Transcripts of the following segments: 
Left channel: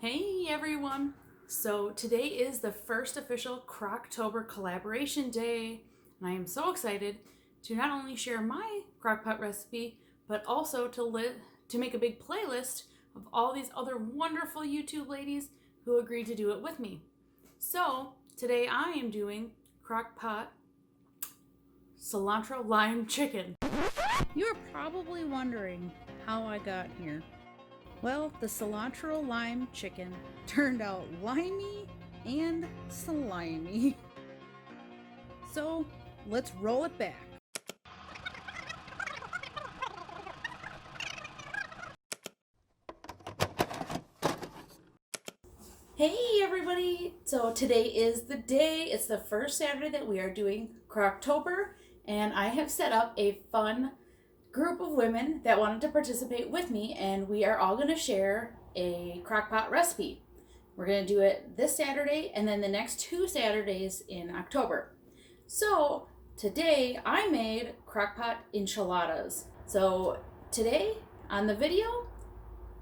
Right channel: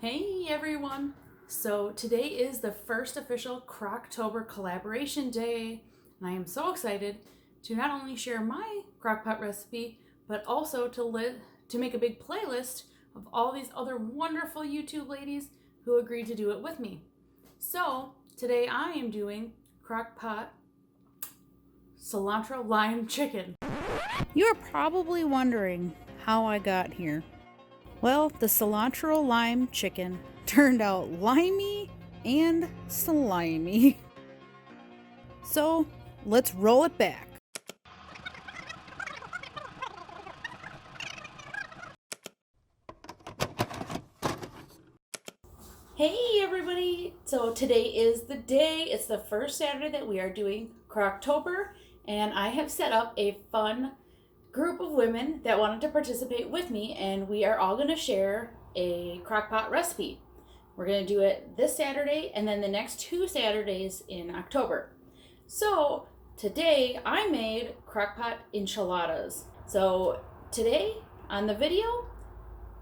Hey everyone! So today is the first official Crocktober collaboration day, and I am so excited to not only share my crockpot recipe, but also to make a big playlist of all these other wonderful YouTube ladies who agreed to do it with me. So today I am doing crockpot cilantro lime chicken. You are probably wondering how I got here. Well, the cilantro lime chicken turned out limey and slimy. So let's roll it back. Hey everybody! So today is the day. It's the first Saturday that we are doing Crocktober, and I have set up a fun group of women that wanted to participate with me, and we are all going to share a crockpot recipe. We're going to do it this Saturday and then the next 2 Saturdays in October. So today I made crockpot enchiladas. So today on the video,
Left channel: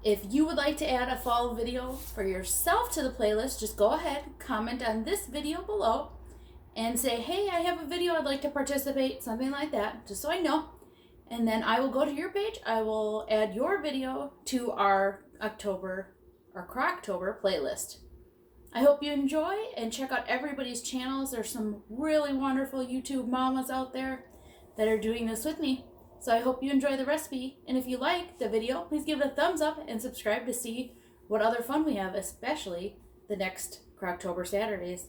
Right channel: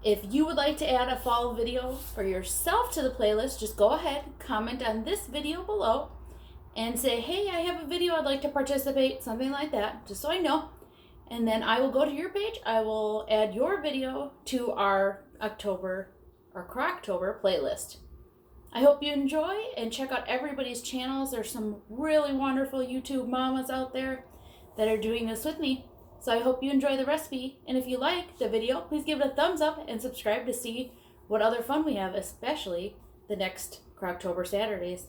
if you would like to add a fall video for yourself to the playlist, just go ahead, comment on this video below, and say, hey, I have a video I'd like to participate, something like that, just so I know. And then I will go to your page, I will add your video to our Crocktober playlist. I hope you enjoy and check out everybody's channels. There's some really wonderful YouTube mamas out there that are doing this with me. So I hope you enjoy the recipe, and if you like the video, please give it a thumbs up and subscribe to see what other fun we have, especially the next Crocktober Saturdays.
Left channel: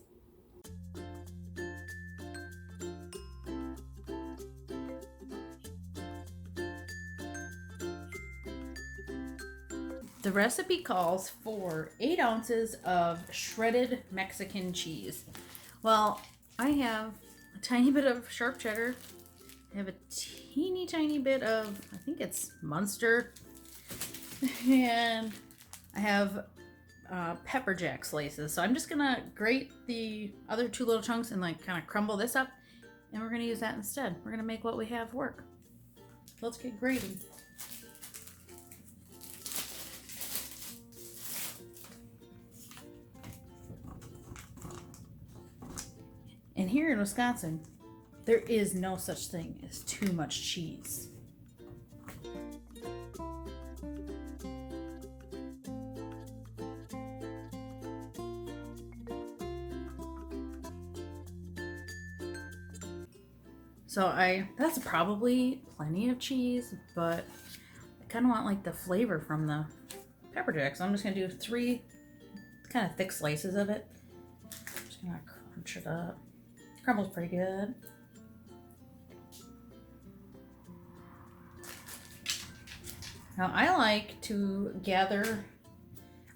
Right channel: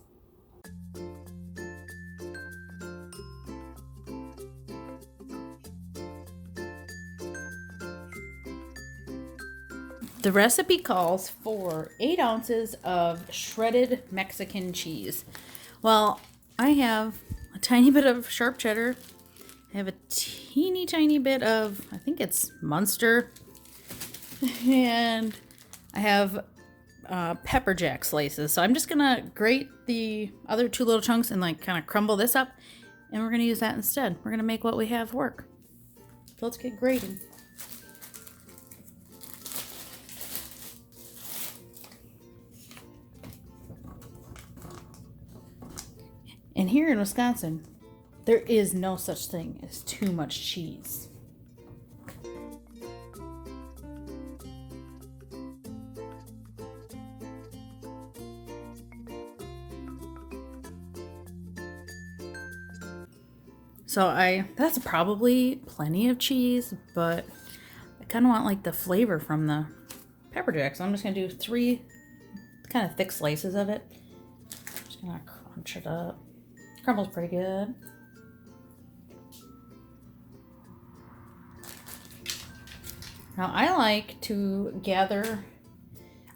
The recipe calls for 8 ounces of shredded Mexican cheese. Well, I have a tiny bit of sharp cheddar. I have a teeny tiny bit of, I think it's Munster, and I have pepper jack slices. So I'm just gonna grate the other 2 little chunks and like kind of crumble this up, and we're gonna use that instead. We're gonna make what we have work. So let's get grating. And here in Wisconsin, there is no such thing as too much cheese. So that's probably plenty of cheese, but I kind of want like the flavor from the pepper jack. So I'm just gonna do 3 kind of thick slices of it. Just gonna crunch it up. Crumbles pretty good. Now I like to gather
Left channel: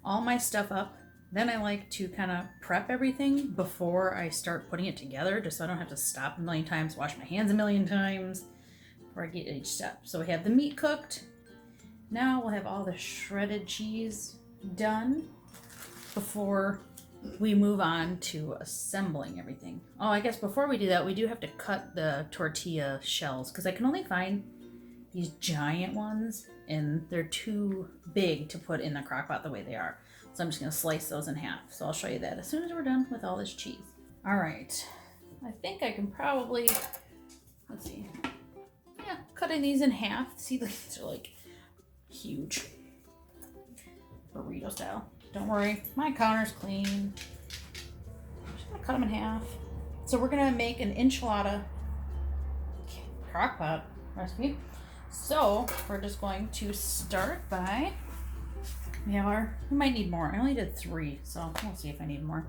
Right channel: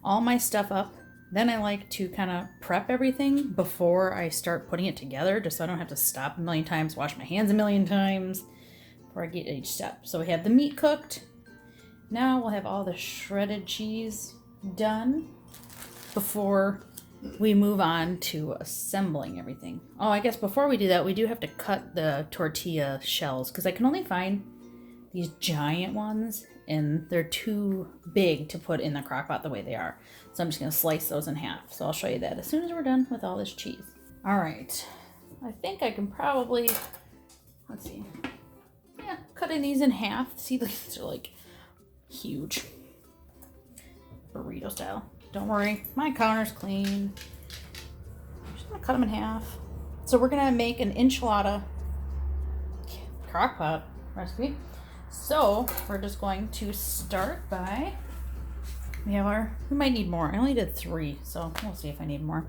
all my stuff up. Then I like to kind of prep everything before I start putting it together, just so I don't have to stop a million times, wash my hands a million times before I get each step. So we have the meat cooked. Now we'll have all the shredded cheese done before we move on to assembling everything. Oh, I guess before we do that, we do have to cut the tortilla shells because I can only find these giant ones and they're too big to put in the crock pot the way they are. So I'm just gonna slice those in half. So I'll show you that as soon as we're done with all this cheese. All right, I think I can probably, let's see. Yeah, cutting these in half. See, these are like huge. Burrito style. Don't worry, my counter's clean. I'm just gonna cut them in half. So we're gonna make an enchilada crockpot recipe. So we're just going to start by, we might need more. I only did 3, so we'll see if I need more.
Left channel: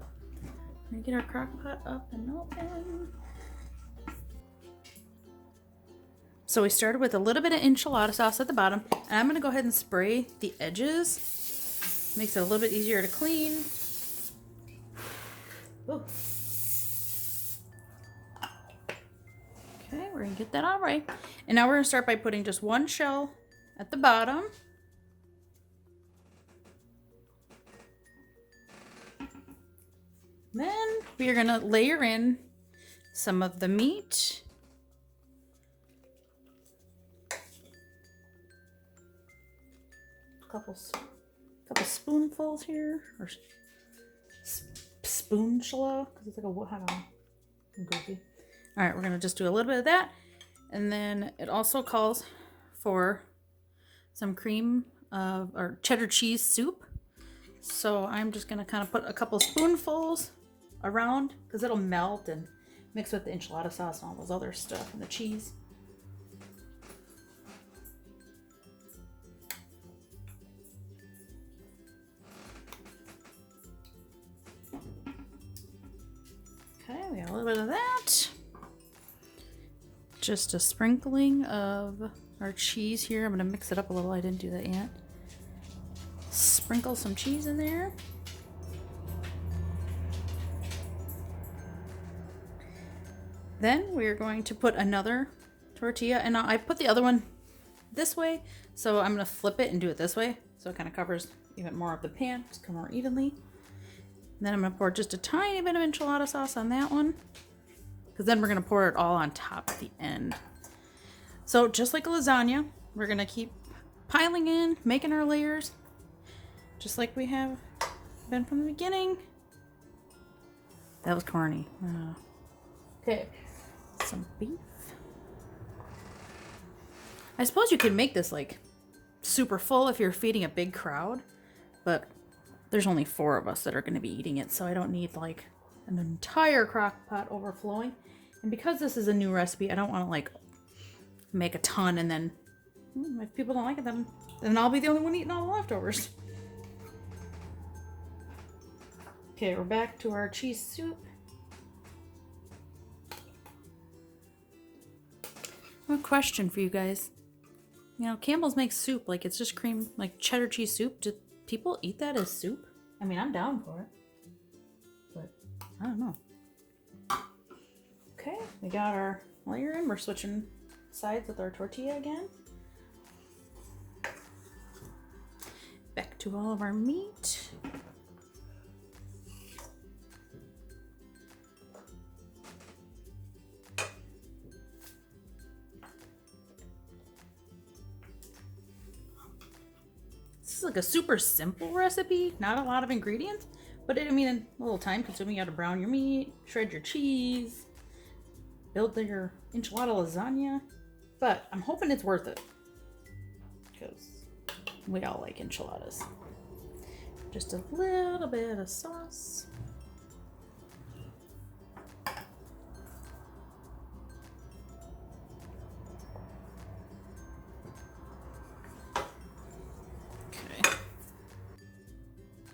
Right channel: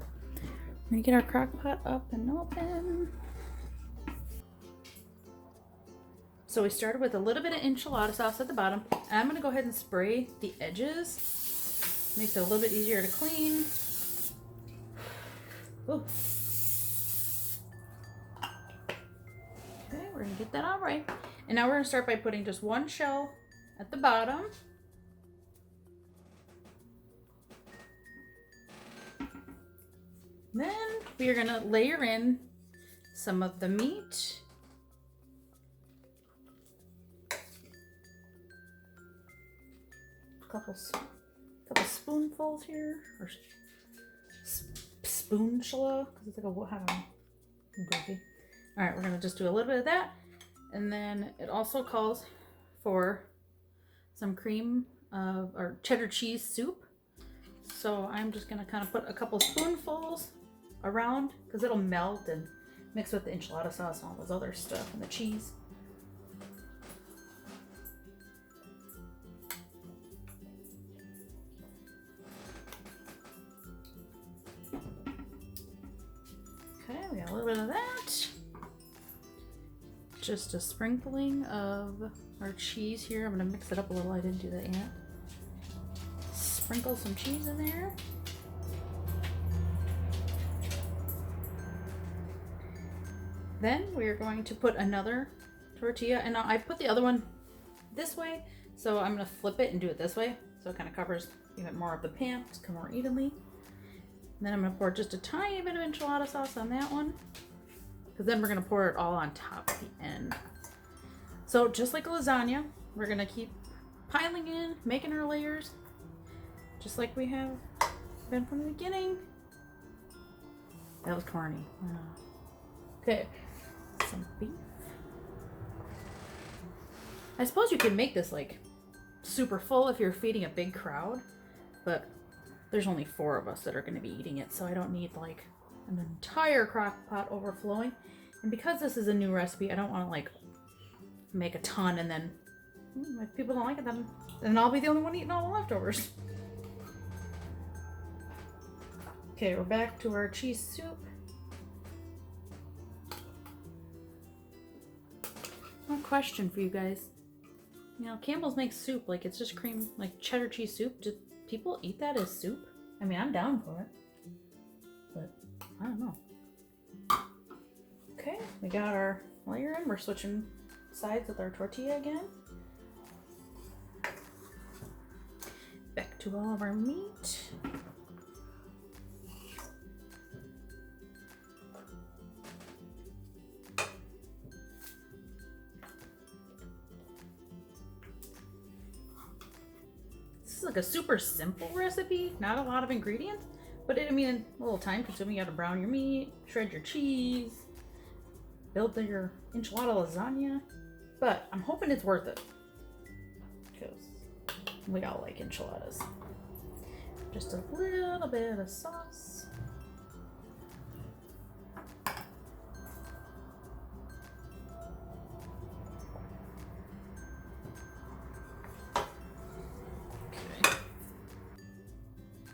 We're gonna get our crockpot up and open. So we started with a little bit of enchilada sauce at the bottom, and I'm gonna go ahead and spray the edges. Makes it a little bit easier to clean. Ooh. Okay, we're gonna get that all right. And now we're gonna start by putting just 1 shell at the bottom. Then we are gonna layer in some of the meat. couple spoonfuls here, or spoonful, because it's like a what? I don't know. I'm goofy. All right, we're gonna just do a little bit of that, and then it also calls for some cream or cheddar cheese soup. So I'm just gonna kind of put a couple spoonfuls around because it'll melt and mix with the enchilada sauce and all those other stuff and the cheese. Okay, we got a little bit of that. Just a sprinkling of our cheese here. I'm gonna mix it up a little. I didn't do that yet. Sprinkle some cheese in there. Then we're going to put another tortilla, and I put the other one this way, so I'm gonna flip it and do it this way, so it kind of covers even more of the pan to come more evenly. And then I'm gonna pour just a tiny bit of enchilada sauce on that one, because then we're gonna pour it all on top at the end. So just like a lasagna, we're gonna keep piling in, making our layers, just like we have been from the beginning. That was corny. Okay, some beef. I suppose you could make this like super full if you're feeding a big crowd, but there's only 4 of us that are going to be eating it, so I don't need like an entire crock pot overflowing. And because this is a new recipe, I don't want to like make a ton and then if people don't like it, then I'll be the only one eating all the leftovers. Okay, we're back to our cheese soup. I have a question for you guys. You know, Campbell's makes soup like it's just cream, like cheddar cheese soup. Do people eat that as soup? I mean, I'm down for it, but I don't know. Okay, we got our layer in. We're switching sides with our tortilla again. Back to all of our meat. This is like a super simple recipe, not a lot of ingredients, but I mean, a little time consuming. You gotta brown your meat, shred your cheese, build your enchilada lasagna, but I'm hoping it's worth it because we all like enchiladas. Just a little bit of sauce.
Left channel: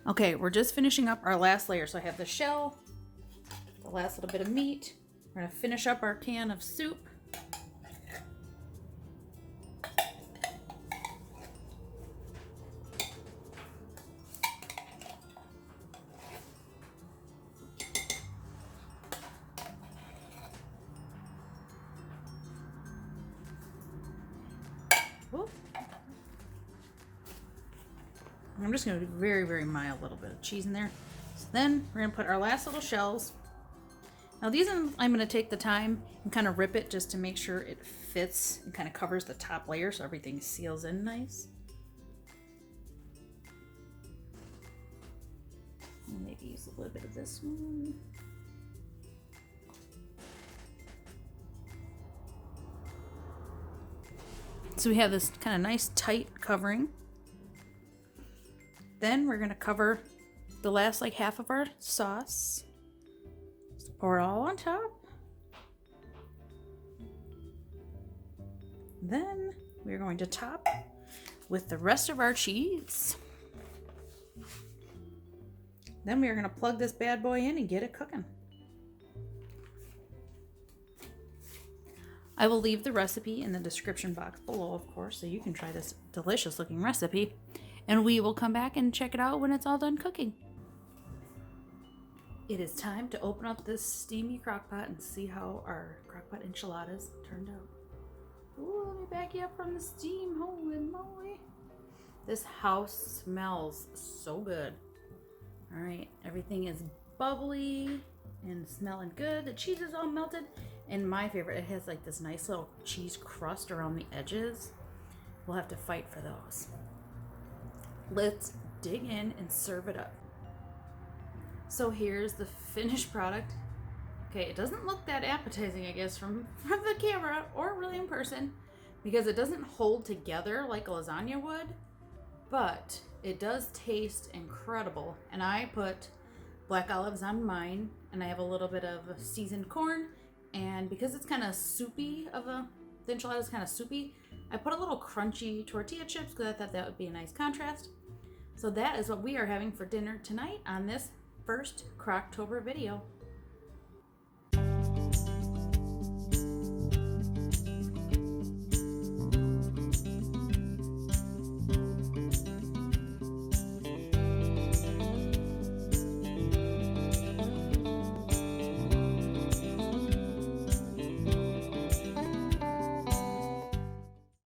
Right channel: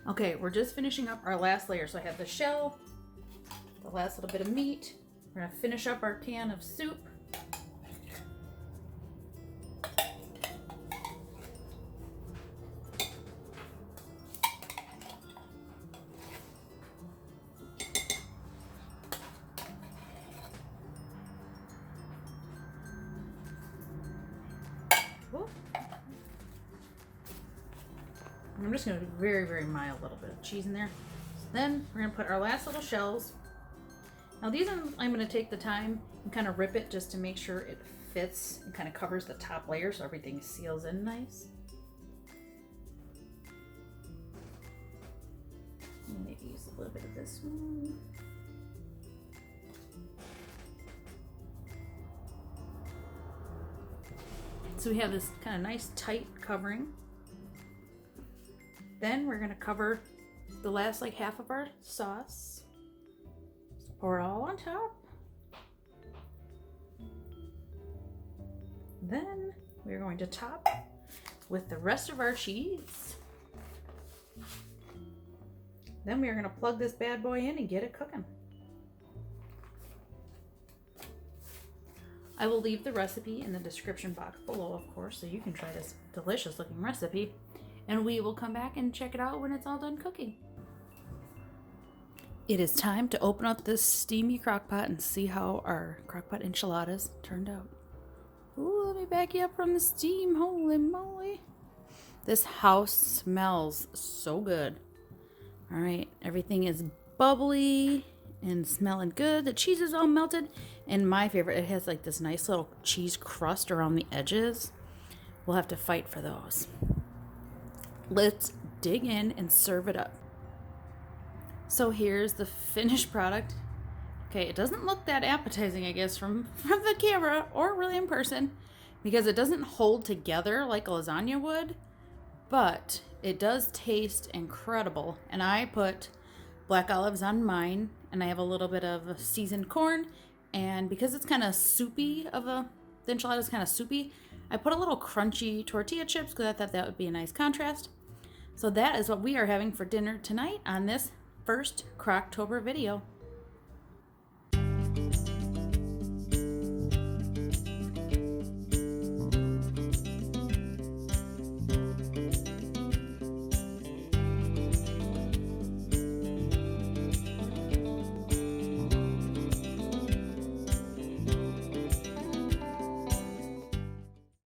Okay, we're just finishing up our last layer. So I have the shell, the last little bit of meat. We're gonna finish up our can of soup. I'm just going to be very, very mild, little bit of cheese in there. So then we're going to put our last little shells. Now these I'm going to take the time and kind of rip it just to make sure it fits and kind of covers the top layer so everything seals in nice. Maybe use a little bit of this one. So we have this kind of nice tight covering. Then we're gonna cover the last like half of our sauce. Just pour it all on top. Then we're going to top with the rest of our cheese. Then we are gonna plug this bad boy in and get it cooking. I will leave the recipe in the description box below, of course, so you can try this delicious looking recipe. And we will come back and check it out when it's all done cooking. It is time to open up this steamy crock pot and see how our crock pot enchiladas turned out. Ooh, let me back you up from the steam. Holy moly. This house smells so good. All right, everything is bubbly and smelling good. The cheese is all melted. And my favorite, it has like this nice little cheese crust around the edges. We'll have to fight for those. Let's dig in and serve it up. So here's the finished product. Okay, it doesn't look that appetizing, I guess, from the camera or really in person, because it doesn't hold together like a lasagna would, but it does taste incredible. And I put black olives on mine, and I have a little bit of seasoned corn, and because it's kind of soupy the enchilada is kind of soupy, I put a little crunchy tortilla chips because I thought that would be a nice contrast. So that is what we are having for dinner tonight on this first Crocktober video.